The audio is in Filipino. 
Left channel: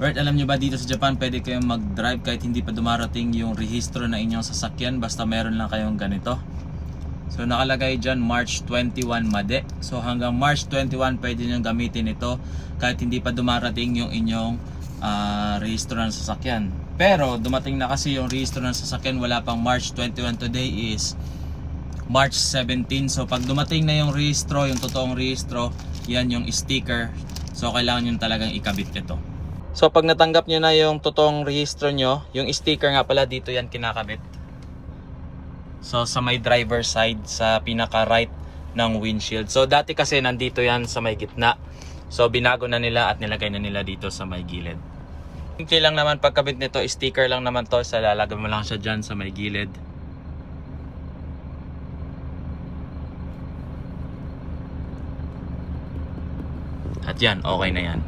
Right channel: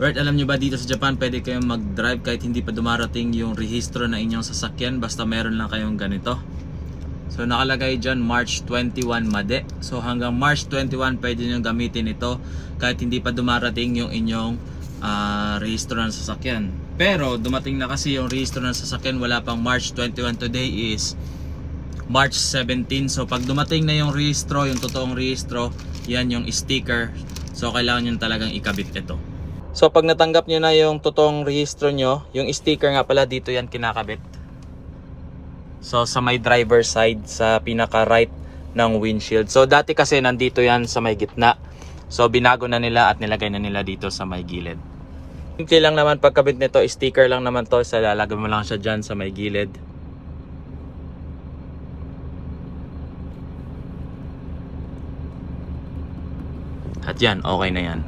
Right, alam nyo ba dito sa Japan pwede kayong mag-drive kahit hindi pa dumarating yung rehistro na inyong sasakyan basta meron lang kayong ganito. So nakalagay dyan March 21 Made. So hanggang March 21 pwede nyo gamitin ito kahit hindi pa dumarating yung inyong rehistro ng sasakyan. Pero dumating na kasi yung rehistro ng sasakyan, wala pang March 21, today is March 17. So pag dumating na yung rehistro, yung totoong rehistro, yan yung sticker. So kailangan nyo talagang ikabit ito. So pag natanggap nyo na yung totoong rehistro nyo, yung sticker nga pala dito yan kinakabit. So sa may driver side, sa pinaka right ng windshield. So dati kasi nandito yan sa may gitna. So binago na nila at nilagay na nila dito sa may gilid. Simple lang naman pagkabit nito, sticker lang naman to. So lalagay mo lang siya dyan sa may gilid. At yan, okay na yan.